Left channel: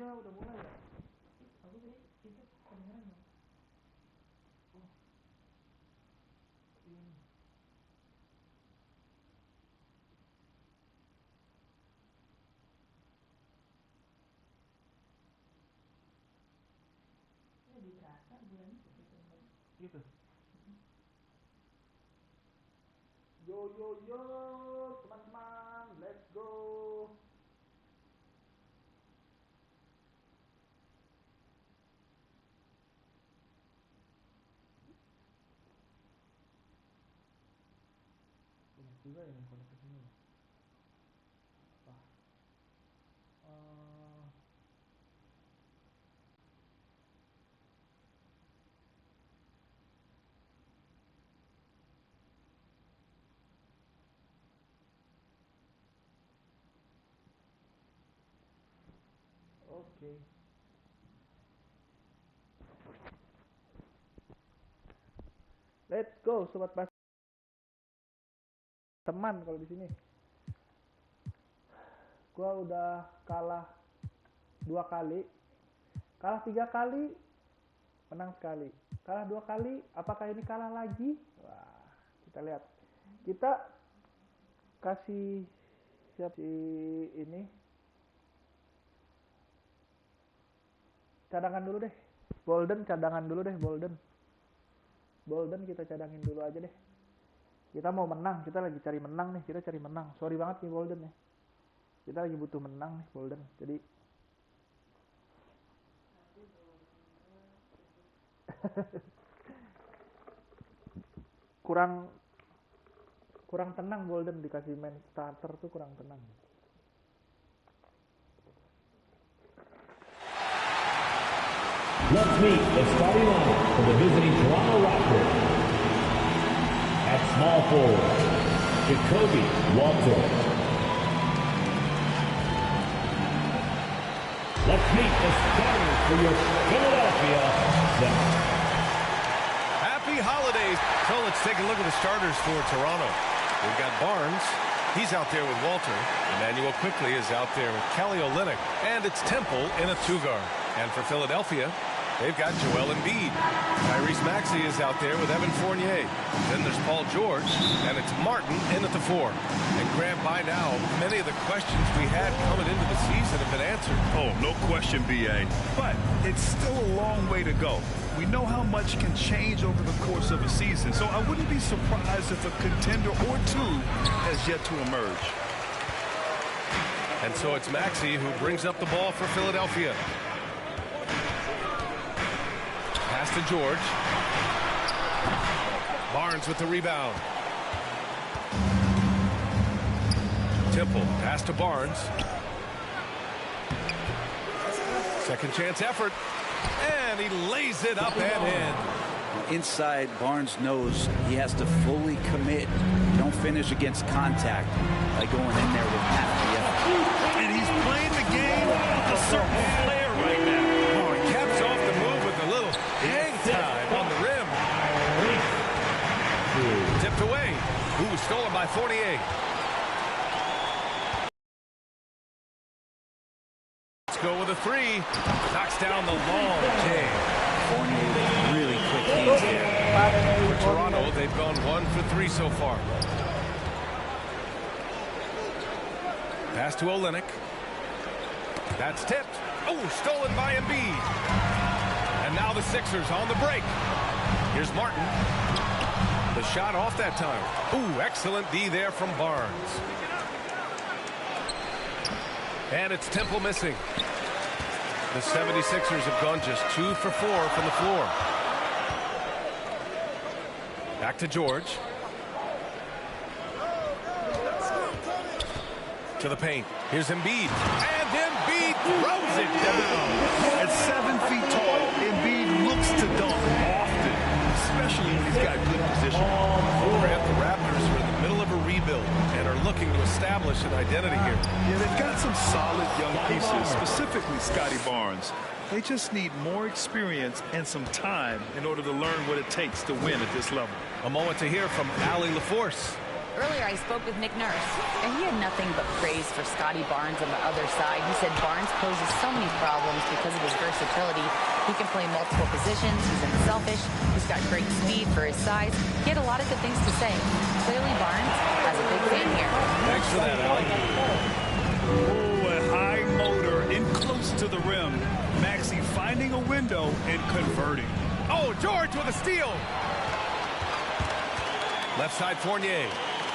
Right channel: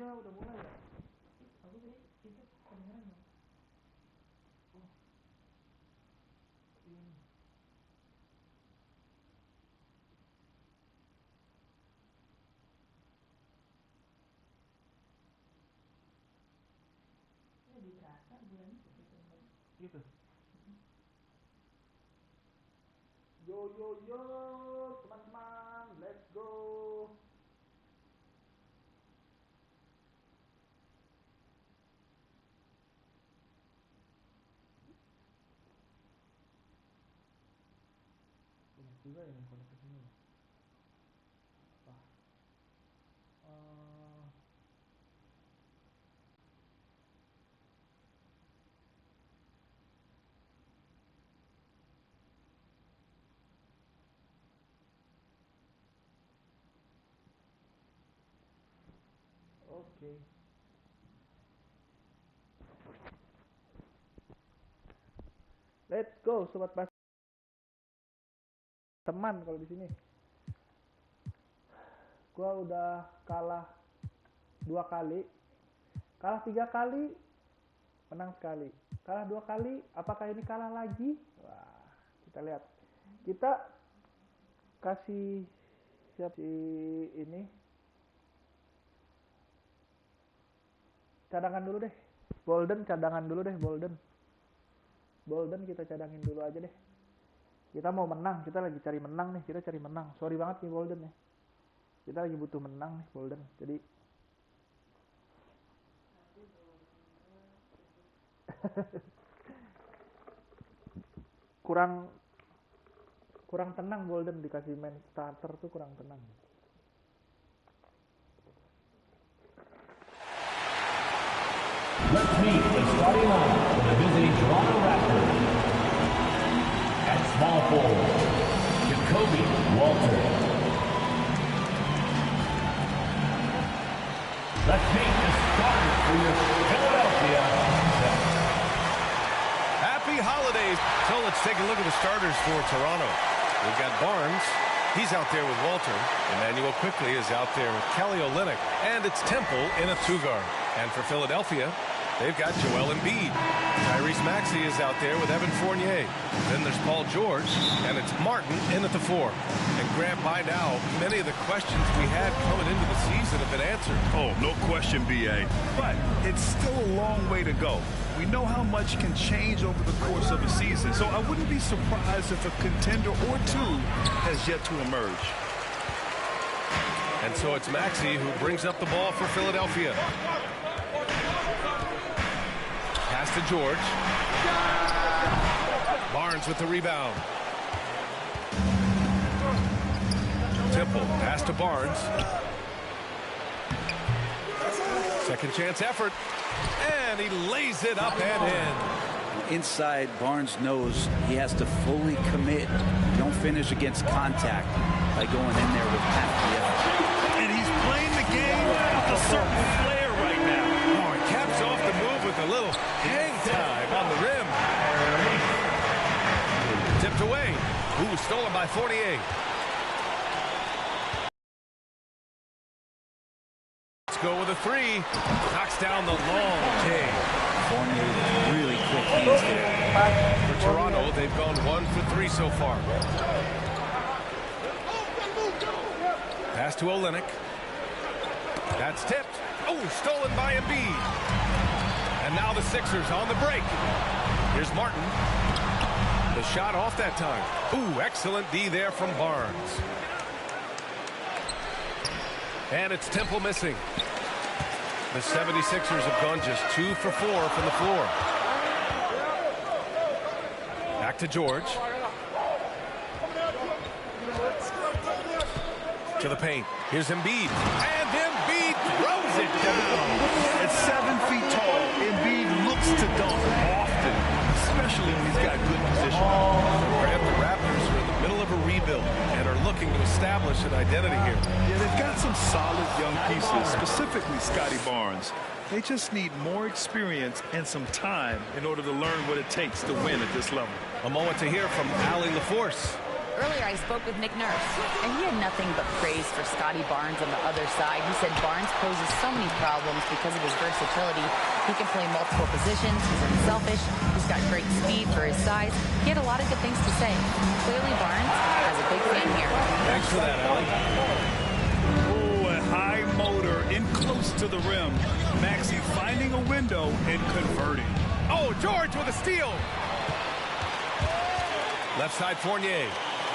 Iya udah mulai ya. Aku tadi itu kedengeran ya. Oh. Ini. Ini berasa bulan gitu. Yo teman-teman, let's go. Banyak juga yang connect ke sini. Oke. Let's go sobat pas. Teman kalau di sini. Gua udah kalah 2 kali. Kalah 3 kali, menang sekali. Kalah 2 kali, apakah ini kalah lagi? Wah, kita lihat. Kita kasih siap si ini. Cadangan dulu deh. Golden cadangan dulu deh, Golden. Golden kita cadangin dulu aja deh. Kita mau menang, kita lagi cari menang nih, kita cari menang. Sorry banget nih Golden nih. Kita lagi butuh menang nih Golden. Jadi kurang tenang Golden dikasih main starter tuh kurang tenang. Let's meet the starting lineup for the visiting Toronto Raptors. At small forward, Jacoby Walter. Let's meet the starters for your Philadelphia. Happy holidays. So let's take a look at the starters for Toronto. We've got Barnes. He's out there with Walter. Emmanuel quickly is out there with Kelly Olynyk. And it's Temple in a 2-guard. And for Philadelphia, they've got Joel Embiid. Tyrese Maxey is out there with Evan Fournier. Then there's Paul George, and it's Martin in at the 4. And Grant, by now, many of the questions we had coming into the season have been answered. Oh, no question, B.A. But it's still a long way to go. We know how much can change over the course of a season, so I wouldn't be surprised if a contender or two has yet to emerge. And so it's Maxey who brings up the ball for Philadelphia. Pass to George. Barnes with the rebound. Temple, pass to Barnes. Second chance effort. And he lays it up and in. Inside, Barnes knows he has to fully commit. You don't finish against contact by going in there with half the effort. And he's playing the game with a certain flair right now. Oh, he caps off the move with a little hang time on the rim. Tipped away. Ooh, stolen by Fournier. Let's go with a 3. Knocks down the long J. Fournier with really quick hands there. For Toronto, they've gone 1 for 3 so far. Pass to Olynyk. That's tipped. Oh, stolen by Embiid. And now the Sixers on the break. Here's Martin. The shot off that time. Ooh, excellent D there from Barnes. And it's Temple missing. The 76ers have gone just 2 for 4 from the floor. Back to George. To the paint. Here's Embiid. And Embiid throws it down. At 7 feet tall, Embiid looks to dunk often, especially when he's got good position. Grant, the Raptors are in the middle of a rebuild and are looking to establish an identity here. Yeah, they've got some solid young pieces, specifically Scotty Barnes. They just need more experience and some time in order to learn what it takes to win at this level. A moment to hear from Allie LaForce. Earlier, I spoke with Nick Nurse, and he had nothing but praise for Scotty Barnes on the other side. He said Barnes poses so many problems because of his versatility. He can play multiple positions. He's unselfish. He's got great speed for his size. He had a lot of good things to say. Clearly, Barnes has a big fan here. Thanks for that, Allie. Oh, a high motor in close to the rim. Maxey finding a window and converting. Oh, George with a steal. Left side Fournier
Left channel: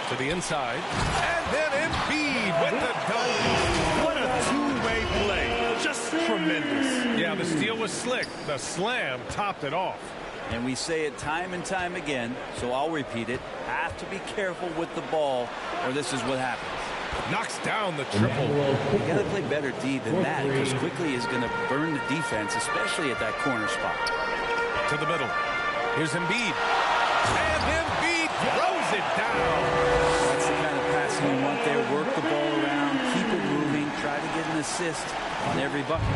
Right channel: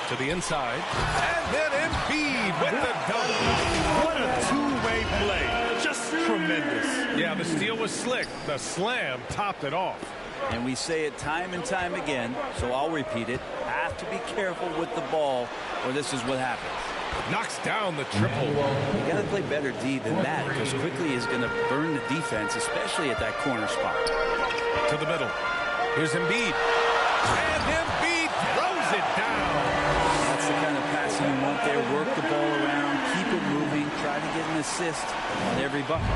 to the inside. And then Embiid with the dunk. What a two-way play. Just tremendous. Yeah, the steal was slick. The slam topped it off. And we say it time and time again, so I'll repeat it. Have to be careful with the ball, or this is what happens. Knocks down the triple. You got to play better D than that, because quickly is going to burn the defense, especially at that corner spot. To the middle. Here's Embiid. And Embiid throws it down. That's the kind of passing you want there. Work the ball around, keep it moving, try to get an assist on every bucket.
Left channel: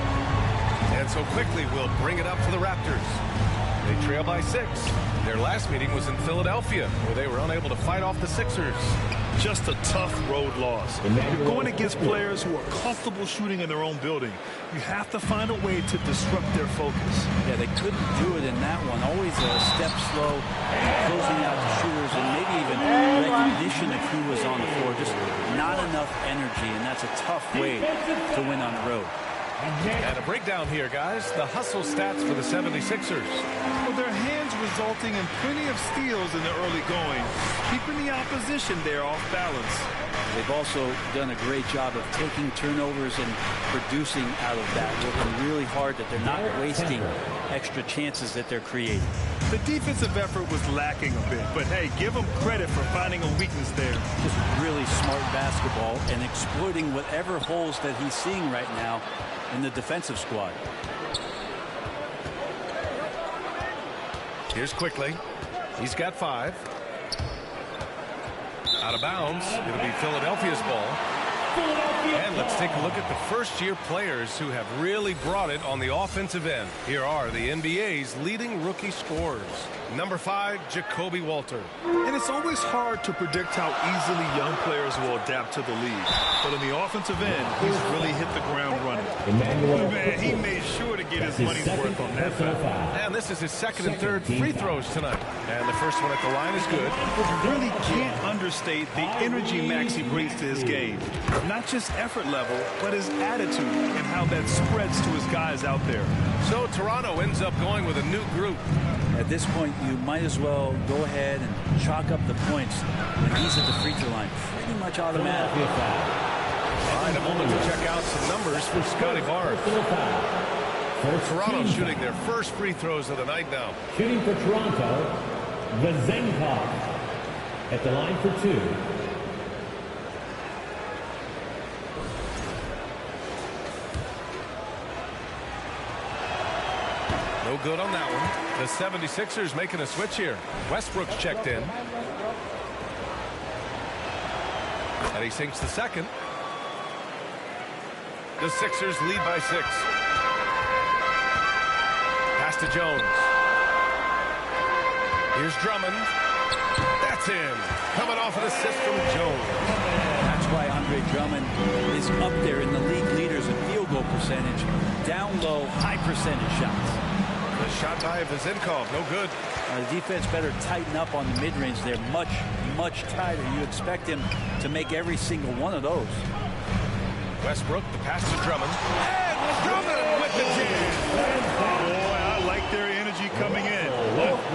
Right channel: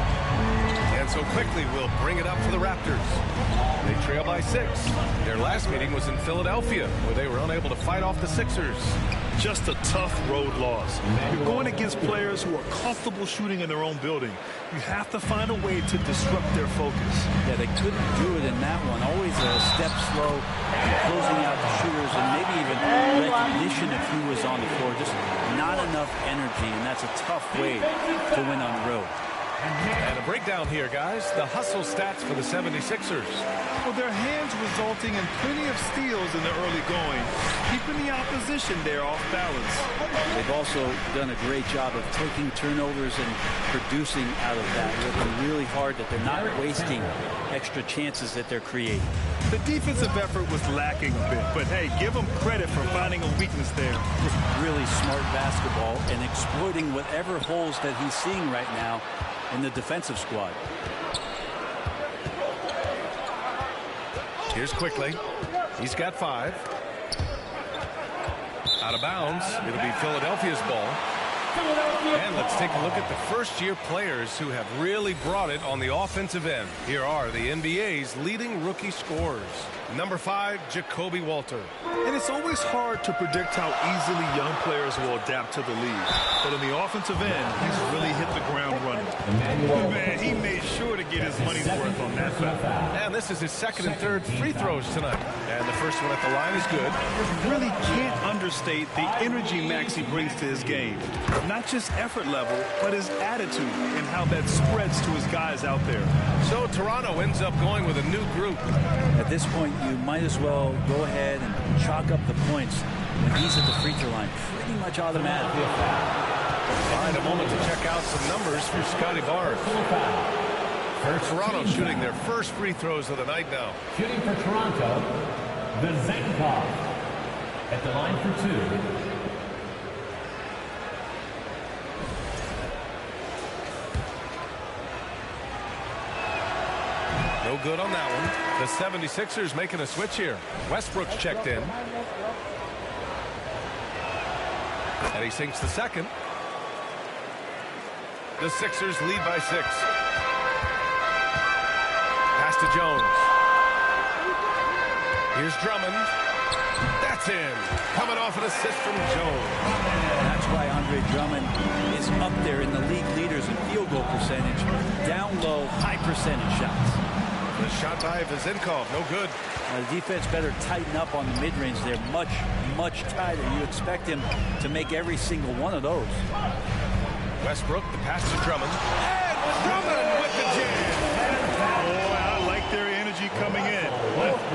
And so quickly we'll bring it up for the Raptors. They trail by 6. Their last meeting was in Philadelphia, where they were unable to fight off the Sixers. Just a tough road loss. You're going against players who are comfortable shooting in their own building. You have to find a way to disrupt their focus. Yeah, they couldn't do it in that one. Always a step slow, closing out the shooters, and maybe even recognition of who was on the floor. Just not enough energy, and that's a tough way to win on the road. And a breakdown here, guys. The hustle stats for the 76ers. Well, their hands resulting in plenty of steals in the early going, keeping the opposition there off balance. They've also done a great job of taking turnovers and producing out of that, working really hard that they're not wasting extra chances that they're creating. The defensive effort was lacking a bit, but hey, give them credit for finding a weakness there. Just really smart basketball and exploiting whatever holes that he's seeing right now in the defensive squad. Here's Quickly. He's got 5. Out of bounds. It'll be Philadelphia's ball. And let's take a look at the first-year players who have really brought it on the offensive end. Here are the NBA's leading rookie scorers. Number 5, Jacoby Walter. And it's always hard to predict how easily young players will adapt to the league. But on the offensive end, he's really hit the ground running. Man, he made sure to get his money's worth on that foul. And this is his second and third free throws tonight. And the first one at the line is good. You really can't understate the energy Maxey brings to his game. Not just effort level, but his attitude and how that spreads to his guys out there. So Toronto ends up going with a new group. At this point, you might as well go ahead and chalk up the points when he's at the free throw line. Pretty much automatic. All right, a moment to check out some numbers for Scotty Barnes. Toronto shooting their first free throws of the night now. Shooting for Toronto, Vezenkov at the line for 2. No good on that one. The 76ers making a switch here. Westbrook's checked in. And he sinks the second. The Sixers lead by 6. Pass to Jones. Here's Drummond. That's in. Coming off an assist from Jones. That's why Andre Drummond is up there in the league leaders in field goal percentage. Down low, high percentage shots. The shot by Vezenkov, no good. The defense better tighten up on the mid-range. They're much, much tighter. You expect him to make every single one of those. Westbrook, the pass to Drummond. And Drummond with the jam. Boy, I like their energy coming in.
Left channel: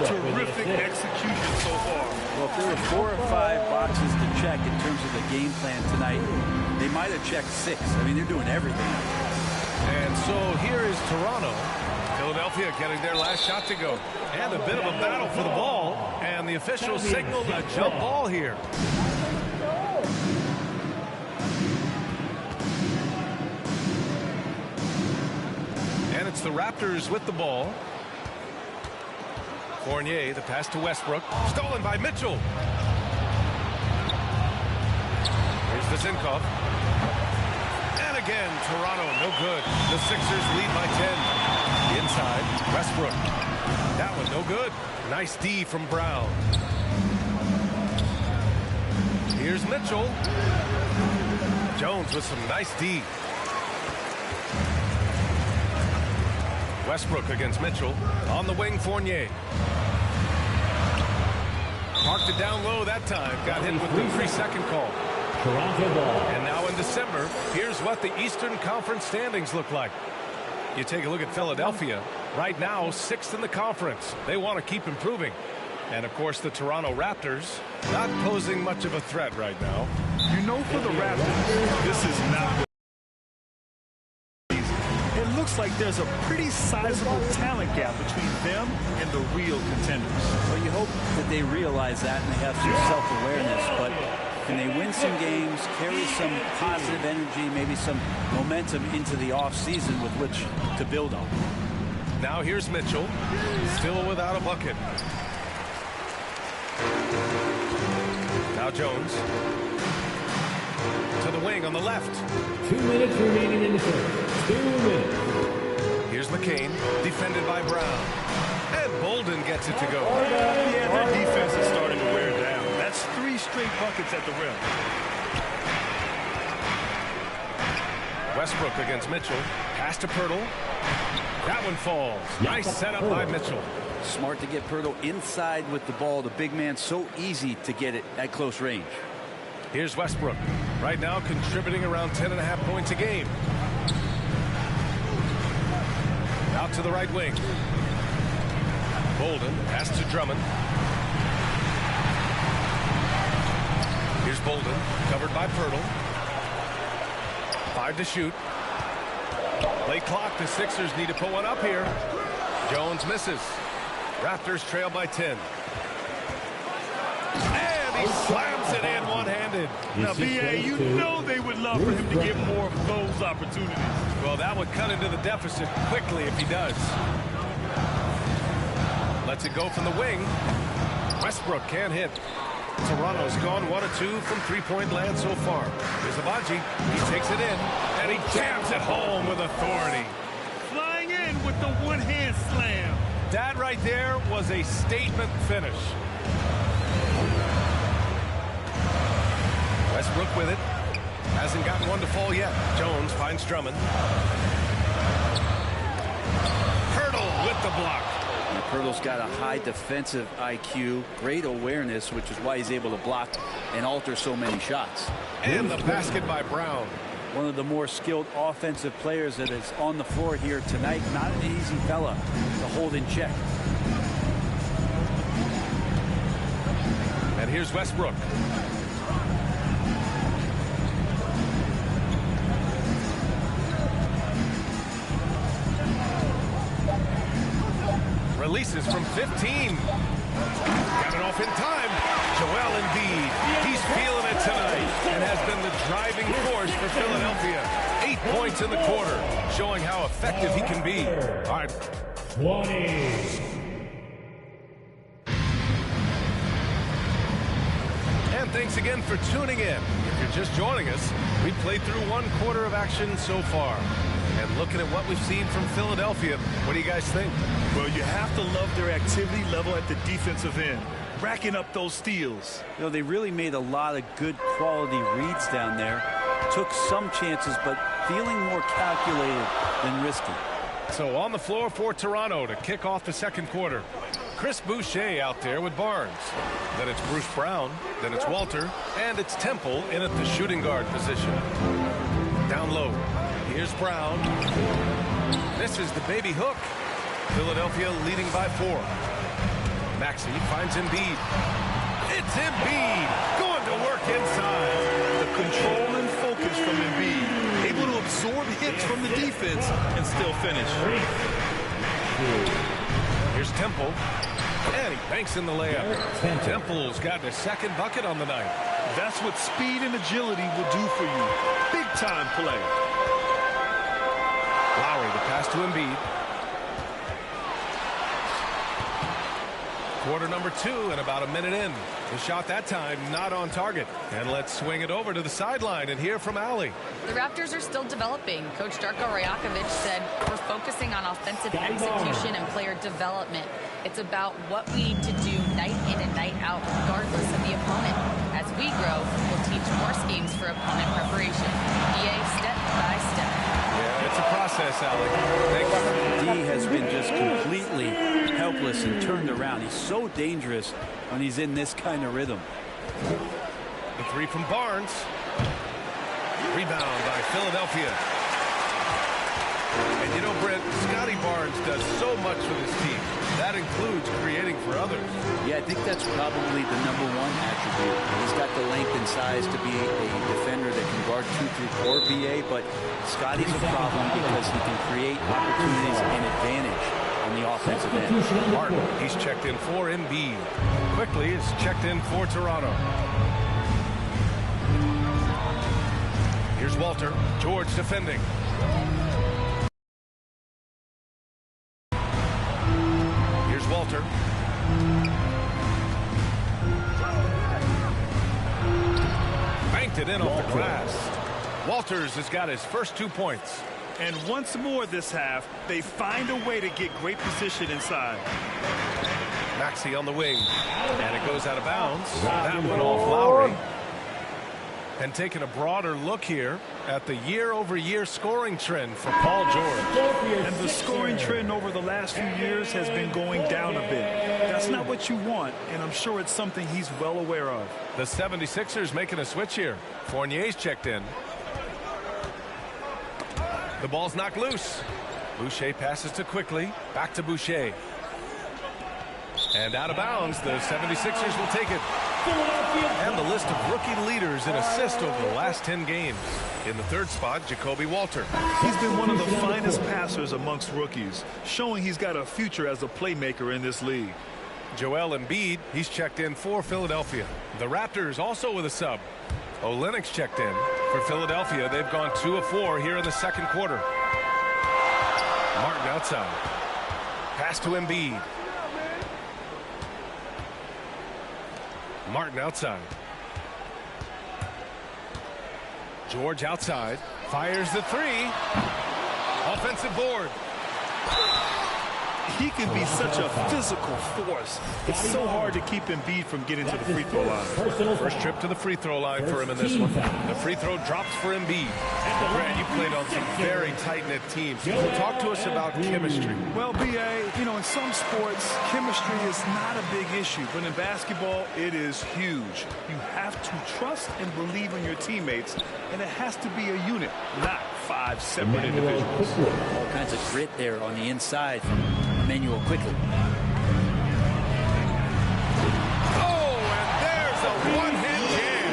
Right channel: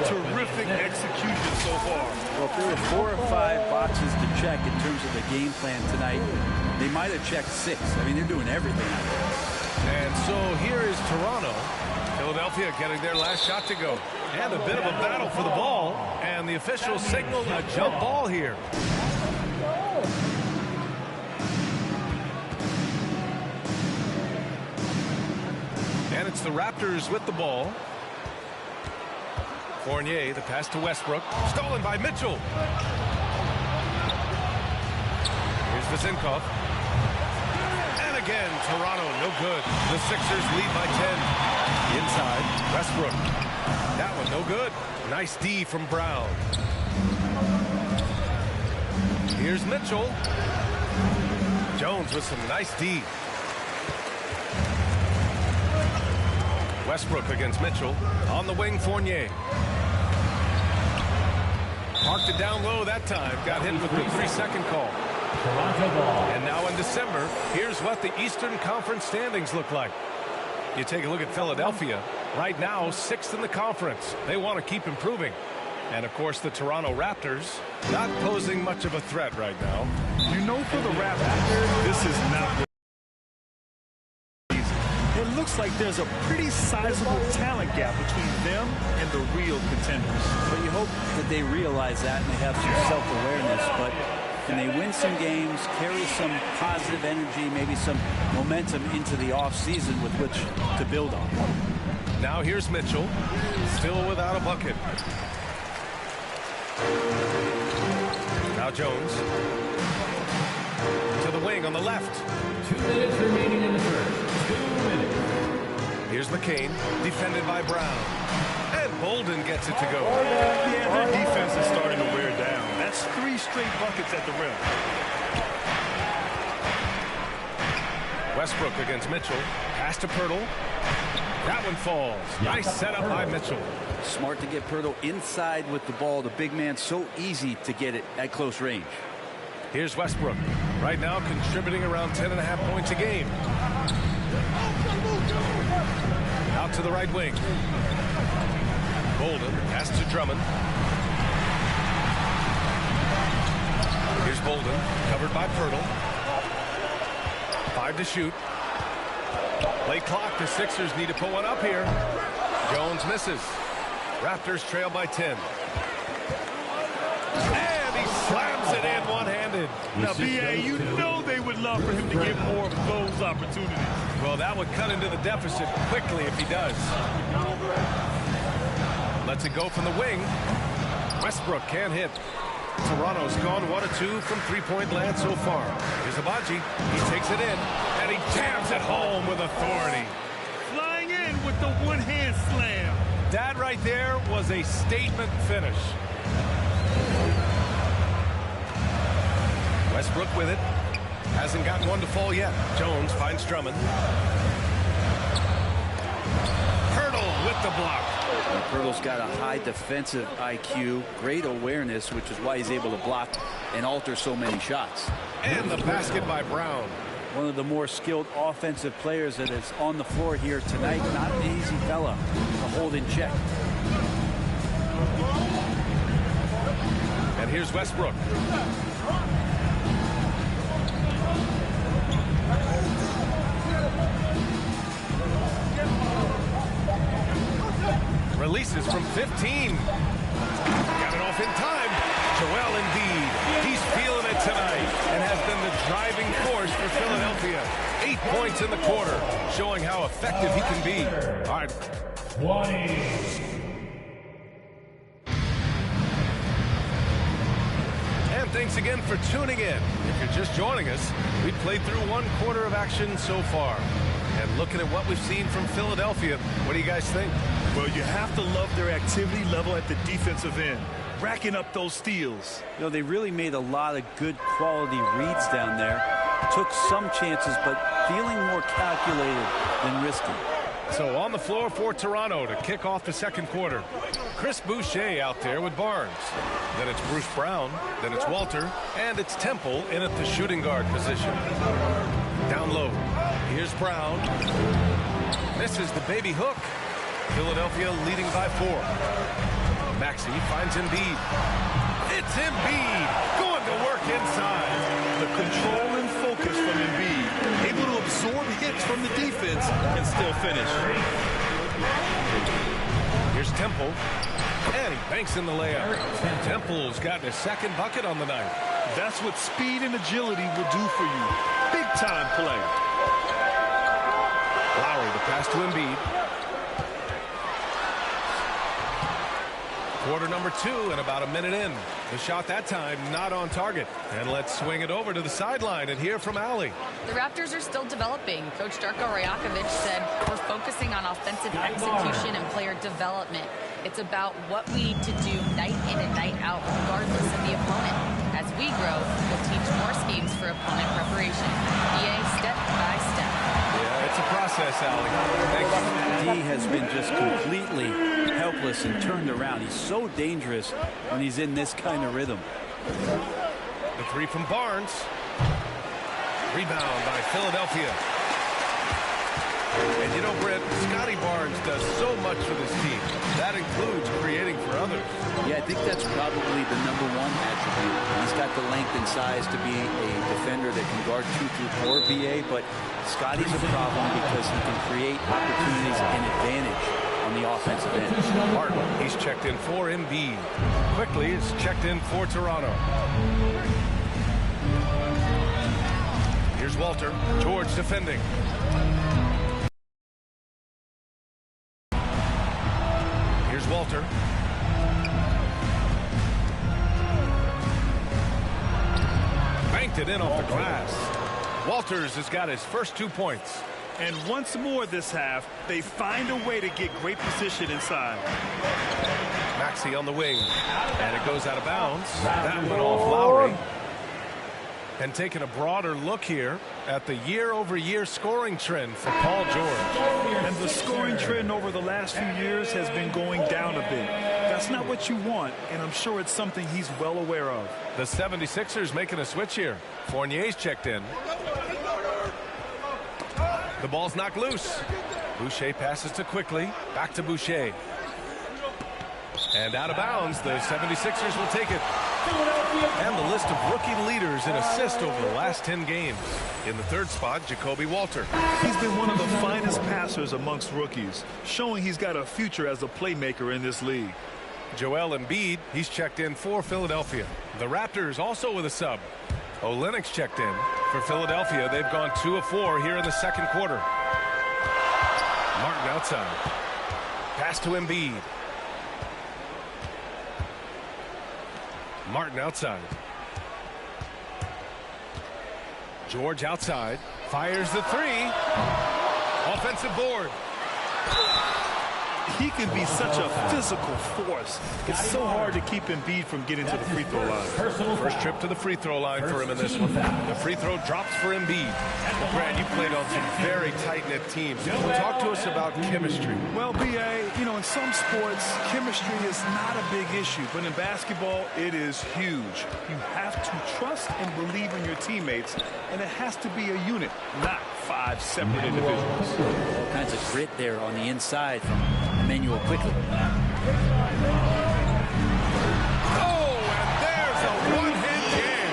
Terrific execution so far. Well, if there were 4 or 5 boxes to check in terms of the game plan tonight, they might have checked 6. I mean, they're doing everything out there. And so here is Toronto. Philadelphia getting their last shot to go. And a bit of a battle for the ball. And the officials signaled a jump ball here. And it's the Raptors with the ball. Fournier, the pass to Westbrook. Stolen by Mitchell. Here's Vezenkov. And again, Toronto, no good. The Sixers lead by 10. Inside, Westbrook. That one, no good. Nice D from Brown. Here's Mitchell. Jones with some nice D. Westbrook against Mitchell. On the wing, Fournier. Parked it down low that time. Got hit with the 3-second call. Toronto ball. And now in December, here's what the Eastern Conference standings look like. You take a look at Philadelphia. Right now, 6th in the conference. They want to keep improving. And, of course, the Toronto Raptors not posing much of a threat right now. You know, for the Raptors, this is not what it looks like. There's a pretty sizable talent gap between them and the real contenders. Well, you hope that they realize that and they have some self-awareness, but can they win some games, carry some positive energy, maybe some momentum into the offseason with which to build on? Now here's Mitchell, still without a bucket. Now Jones to the wing on the left. 2 minutes remaining in the first. 2 minutes. Here's McCain, defended by Brown. And Bolden gets it to go. Yeah, their defense is starting to wear down. That's 3 straight buckets at the rim. Westbrook against Mitchell. Pass to Pirtle. That one falls. Nice setup by Mitchell. Smart to get Pirtle inside with the ball. The big man, so easy to get it at close range. Here's Westbrook. Right now contributing around 10.5 points a game. Out to the right wing. Bolden, pass to Drummond. Here's Bolden, covered by Pirtle. 5 to shoot. Late clock, the Sixers need to put one up here. Jones misses. Raptors trail by 10. And he slams it in one-handed. Now, B.A., you know they would love for him to get more of those opportunities. Well, that would cut into the deficit quickly if he does. Lets it go from the wing. Westbrook can't hit. Toronto's gone 1 of 2 from three-point land so far. Here's Abaji. He takes it in, and he jams it home with authority. Flying in with the one-hand slam. That right there was a statement finish. Westbrook with it. Hasn't gotten one to fall yet. Jones finds Drummond. Pirtle with the block. And Pirtle's got a high defensive IQ, great awareness, which is why he's able to block and alter so many shots. And the basket by Brown. One of the more skilled offensive players that is on the floor here tonight. Not an easy fella to hold in check. And here's Westbrook. Releases from 15. Got it off in time. Joel Embiid. He's feeling it tonight and has been the driving force for Philadelphia. 8 points in the quarter, showing how effective he can be. All right. 20. And thanks again for tuning in. If you're just joining us, we've played through 1 quarter of action so far. And looking at what we've seen from Philadelphia, what do you guys think? Well, you have to love their activity level at the defensive end, racking up those steals. You know, they really made a lot of good quality reads down there. Took some chances, but feeling more calculated than risky. So on the floor for Toronto to kick off the second quarter. Chris Boucher out there with Barnes. Then it's Bruce Brown. Then it's Walter. And it's Temple in at the shooting guard position. Down low. Here's Brown. Misses the baby hook. Philadelphia leading by 4. Maxey finds Embiid. It's Embiid going to work inside. The control and focus from Embiid, able to absorb hits from the defense and still finish. Here's Temple, and he banks in the layup. Temple's gotten his second bucket on the night. That's what speed and agility will do for you. Big time play. Lowry, the pass to Embiid. Quarter number 2 and about a minute in. His shot that time not on target. And let's swing it over to the sideline and hear from Allie. The Raptors are still developing. Coach Darko Rajakovic said we're focusing on offensive execution and player development. It's about what we need to do night in and night out regardless of the opponent. As we grow, we'll teach more schemes for opponent preparation. EA step by step. Yeah, it's a process, Allie. Thank you. D has been just completely helpless and turned around. He's so dangerous when he's in this kind of rhythm. The three from Barnes. Rebound by Philadelphia. And you know, Brent, Scotty Barnes does so much for this team. That includes creating for others. Yeah, I think that's probably the #1 attribute. He's got the length and size to be a defender that can guard 2 through 4, BA, but Scotty's a problem because he can create opportunities and advantage on the offensive end. Martin, he's checked in for Embiid. Quickly is checked in for Toronto. Here's Walter. George defending. Here's Walter. Banked it in off the glass. Walters has got his first 2 points. And once more this half, they find a way to get great position inside. Maxey on the wing. And it goes out of bounds. That one off Lowry. And taking a broader look here at the year-over-year scoring trend for Paul George. And the scoring trend over the last few years has been going down a bit. That's not what you want, and I'm sure it's something he's well aware of. The 76ers making a switch here. Fournier's checked in. The ball's knocked loose. Boucher passes to Quickly. Back to Boucher. And out of bounds, the 76ers will take it. And the list of rookie leaders in assists over the last 10 games. In the third spot, Jacoby Walter. He's been one of the finest passers amongst rookies, showing he's got a future as a playmaker in this league. Joel Embiid, he's checked in for Philadelphia. The Raptors also with a sub. Olynyk's checked in for Philadelphia. They've gone 2 of 4 here in the second quarter. Martin outside. Pass to Embiid. Martin outside. George outside. Fires the 3. Offensive board. He can be such a physical force. It's so hard to keep Embiid from getting to the free throw line. First trip to the free throw line for him in this one. The free throw drops for Embiid. Well, Brad, you played on some very tight-knit teams. Talk to us about chemistry. Well, BA, you know, in some sports, chemistry is not a big issue. But in basketball, it is huge. You have to trust and believe in your teammates, and it has to be a unit, not 5 separate individuals. All kinds of grit there on the inside from Emmanuel Quickly. Oh, and there's a one-hand jam.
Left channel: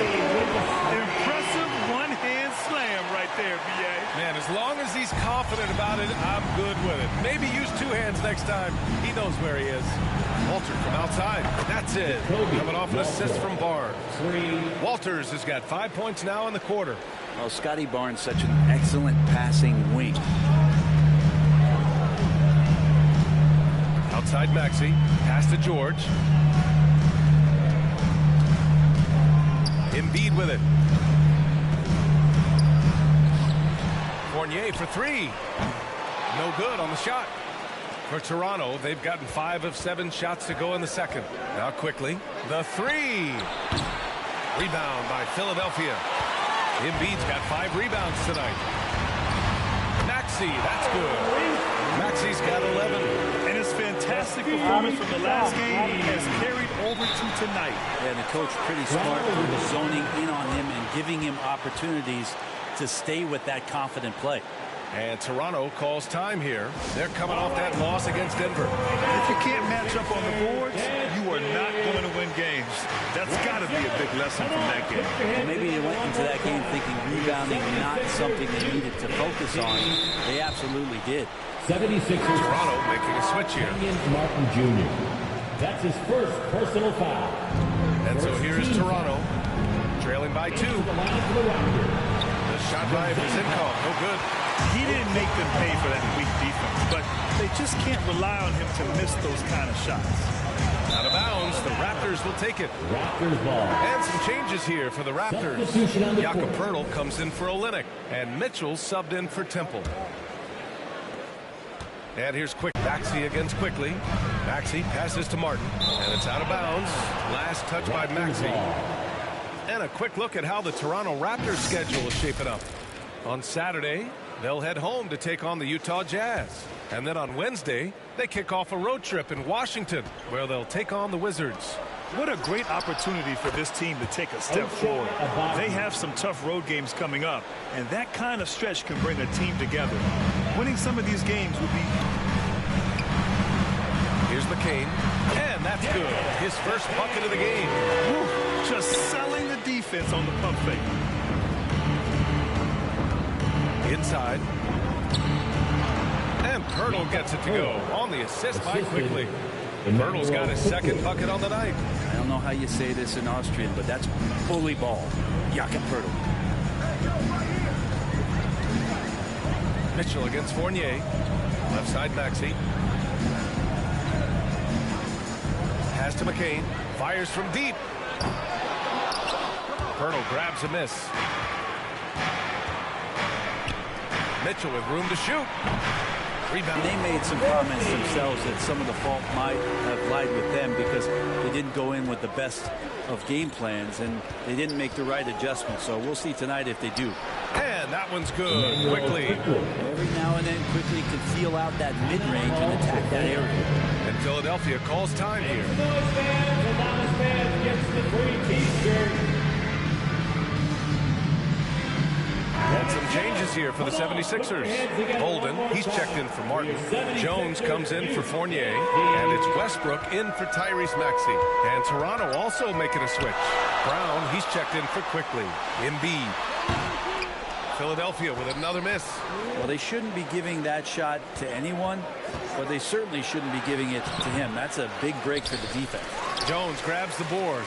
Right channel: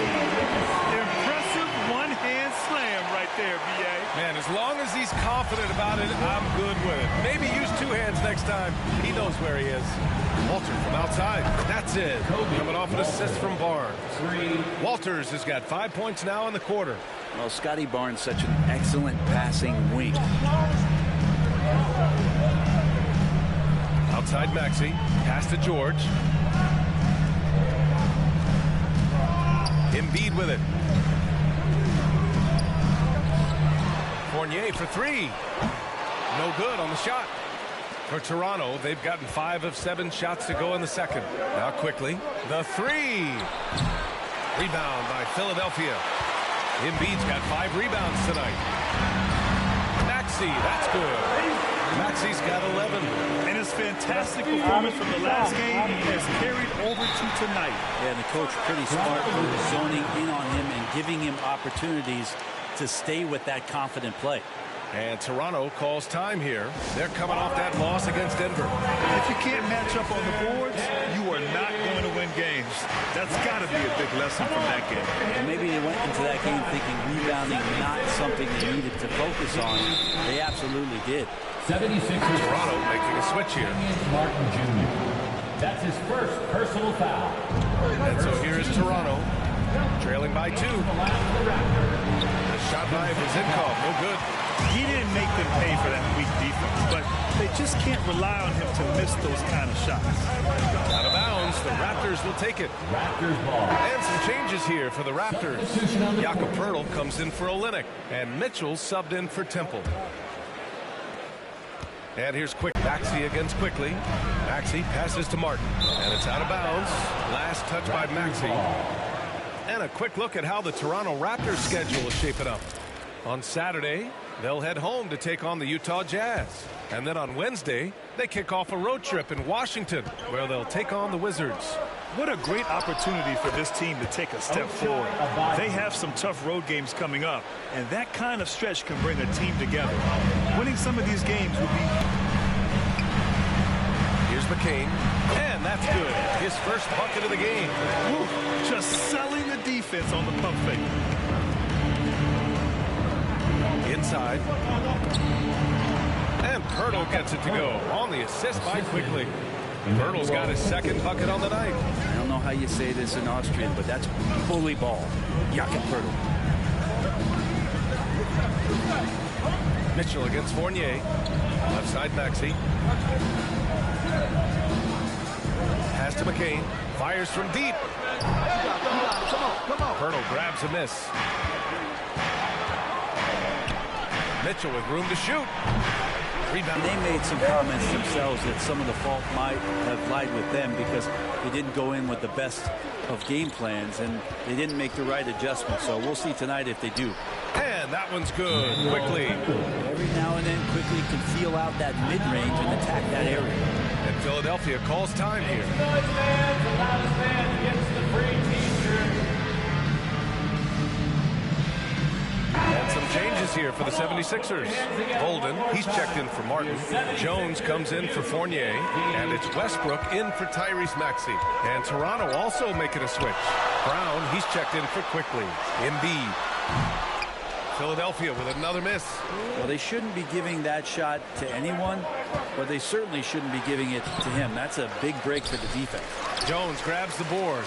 Impressive one-hand slam right there, BA. Man, as long as he's confident about it, I'm good with it. Maybe use 2 hands next time. He knows where he is. Walter from outside. That's it. Coming off an assist from Barnes. Walters has got 5 points now in the quarter. Well, Scotty Barnes, such an excellent passing wing. Outside Maxey. Pass to George. Embiid with it. Fournier for 3. No good on the shot. For Toronto, they've gotten 5 of 7 shots to go in the second. Now Quickly. The 3. Rebound by Philadelphia. Embiid's got 5 rebounds tonight. Maxey, that's good. Maxey's got 11. And his fantastic performance from the last game has carried over to tonight. Yeah, and the coach pretty smart for zoning in on him and giving him opportunities to stay with that confident play. And Toronto calls time here. They're coming off that loss against Denver. If you can't match up on the boards, you are not going to win games. That's got to be a big lesson from that game. Well, maybe they went into that game thinking rebounding not something they needed to focus on. They absolutely did. 76ers. Toronto making a switch here. Martin Jr. That's his first personal foul. And so here is Toronto, trailing by 2. The shot by Vizinkov, no good. He didn't make them pay for that weak defense, but they just can't rely on him to miss those kind of shots. Out of bounds, the Raptors will take it. Raptors ball. And some changes here for the Raptors. Jakob Poeltl comes in for Olynyk, and Mitchell subbed in for Temple. And here's Maxey against Quickly. Maxey passes to Martin, and it's out of bounds. Last touch by Maxey. And a quick look at how the Toronto Raptors schedule is shaping up. On Saturday, they'll head home to take on the Utah Jazz. And then on Wednesday, they kick off a road trip in Washington, where they'll take on the Wizards. What a great opportunity for this team to take a step forward. They have some tough road games coming up, and that kind of stretch can bring a team together. Winning some of these games would be... Here's McCain, and that's good. His first bucket of the game. Woo, just selling the defense on the pump fake. Inside. And Pirtle gets it to go on the assist by Quickly. Pirtle's got his second bucket on the night. I don't know how you say this in Austrian, but that's bully ball. Jakob Pirtle. Mitchell against Fournier. Left side Maxey. Pass to McCain. Fires from deep. Pirtle grabs a miss. Mitchell with room to shoot. Rebound. They made some comments themselves that some of the fault might have lied with them because they didn't go in with the best of game plans and they didn't make the right adjustments. So we'll see tonight if they do. And that one's good. Quickly. Every now and then Quickly can feel out that mid-range and attack that area. And Philadelphia calls time here. Noise fans, the loudest fans gets the free t-shirt. And some changes here for the 76ers. Bolden, he's checked in for Martin. Jones comes in for Fournier. And it's Westbrook in for Tyrese Maxey. And Toronto also making a switch. Brown, he's checked in for Quickly. Embiid. Philadelphia with another miss. Well, they shouldn't be giving that shot to anyone, but they certainly shouldn't be giving it to him. That's a big break for the defense. Jones grabs the board.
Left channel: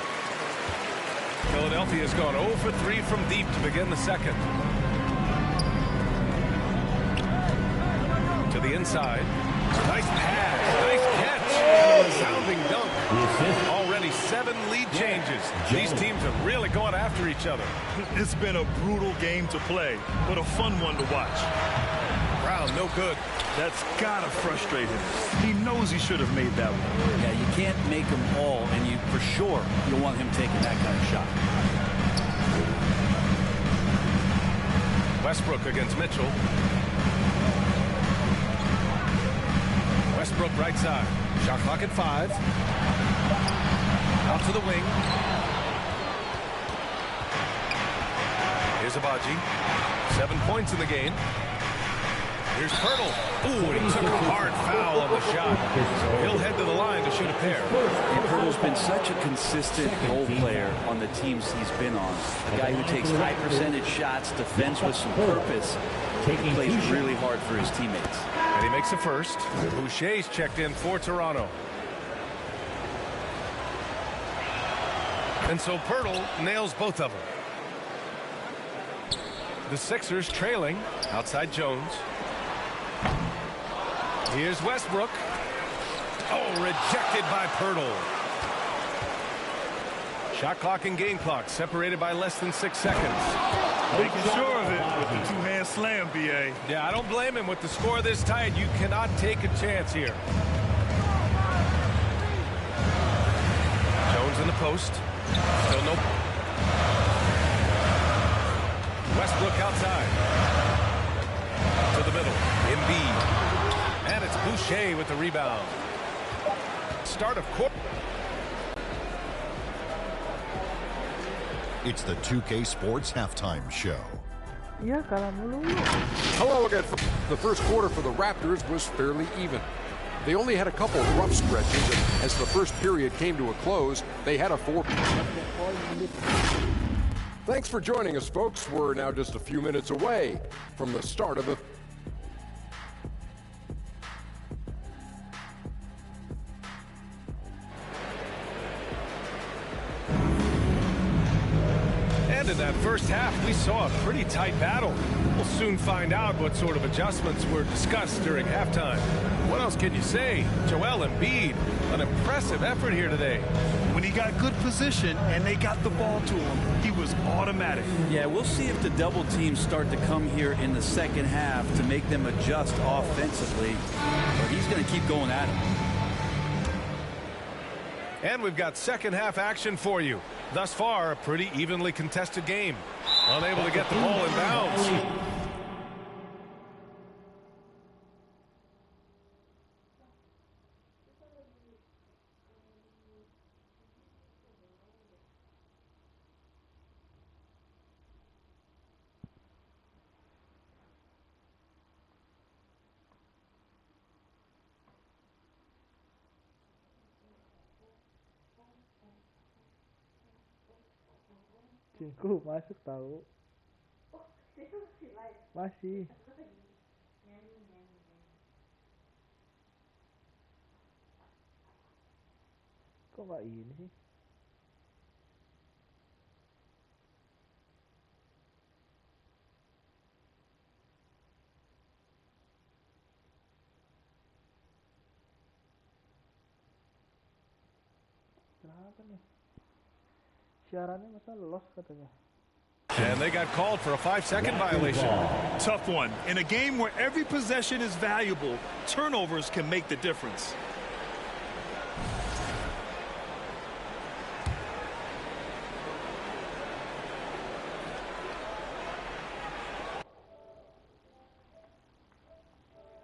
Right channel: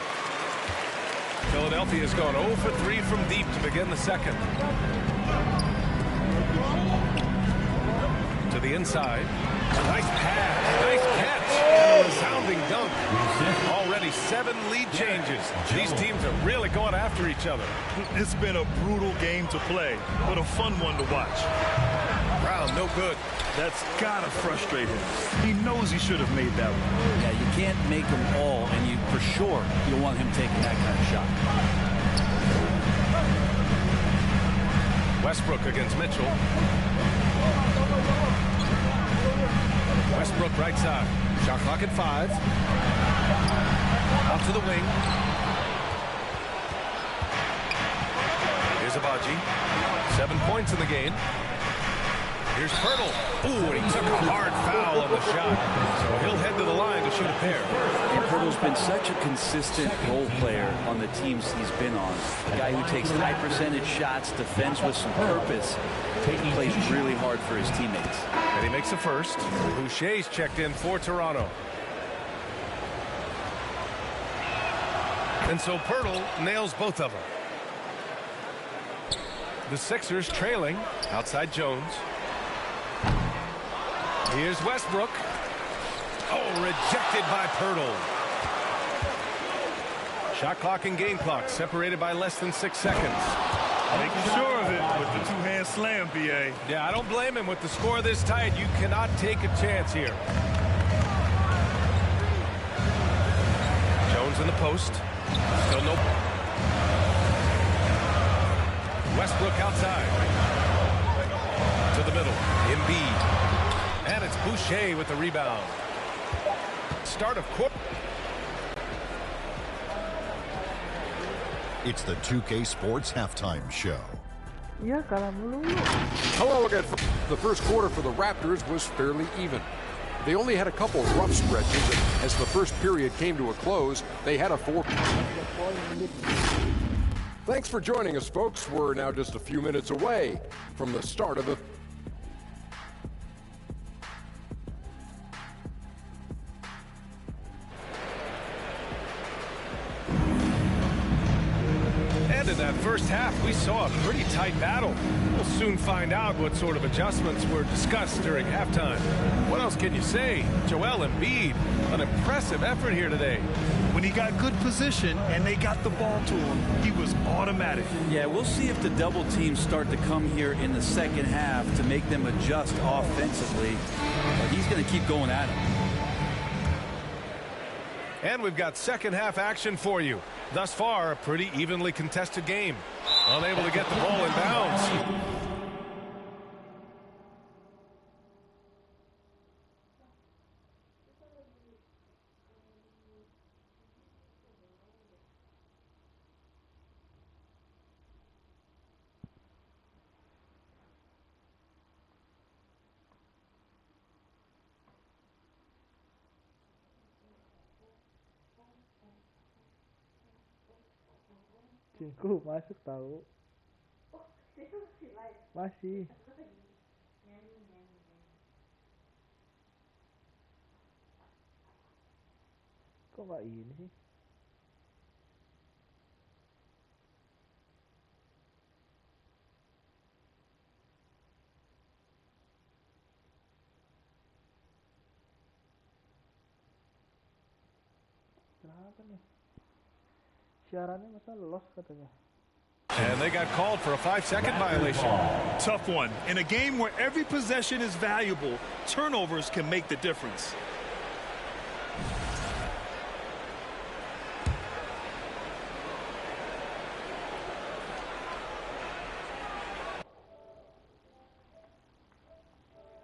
Philadelphia's gone 0 for 3 from deep to begin the second. To the inside. Nice pass. Nice catch. And a resounding dunk. Already 7 lead changes. These teams are really going after each other. It's been a brutal game to play, but a fun one to watch. Brown, no good. That's gotta frustrate him. He knows he should have made that one. Yeah, you can't make them all, and you for sure you'll want him taking that kind of shot. Westbrook against Mitchell. Westbrook right side. Shot clock at 5. Out to the wing. Here's Abaji. 7 points in the game. Here's Pirtle. Ooh, and he took a hard foul on the shot. So he'll head to the line to shoot a pair. And Pirtle's been such a consistent role player on the teams he's been on. A guy who takes high percentage shots, defends with some purpose, and plays really hard for his teammates. And he makes a first. Boucher's checked in for Toronto. And so Pirtle nails both of them. The Sixers trailing outside Jones. Here's Westbrook. Oh, rejected by Pirtle. Shot clock and game clock separated by less than 6 seconds. Making sure of it with the two-hand slam, B.A. Yeah, I don't blame him. With the score this tight, you cannot take a chance here. Jones in the post. Still no. Westbrook outside. To the middle. Embiid. And it's Boucher with the rebound. Start of quarter. It's the 2K Sports Halftime Show. Iya, kalah mulu. Hello again. The first quarter for the Raptors was fairly even. They only had a couple of rough stretches, and as the first period came to a close, they had a 4. Thanks for joining us, folks. We're now just a few minutes away from the start of the... And in that first half, we saw a pretty tight battle. We'll soon find out what sort of adjustments were discussed during halftime. What else can you say? Joel Embiid, an impressive effort here today. When he got good position and they got the ball to him, he was automatic. Yeah, we'll see if the double teams start to come here in the second half to make them adjust offensively. But he's going to keep going at him. And we've got second half action for you. Thus far, a pretty evenly contested game. Unable to get the ball in bounds. Cingku masuk tahu. Masih. Kok nggak ini sih? Kenapa nih? Siarannya masa lost katanya. And they got called for a 5-second violation. Tough one. In a game where every possession is valuable, turnovers can make the difference.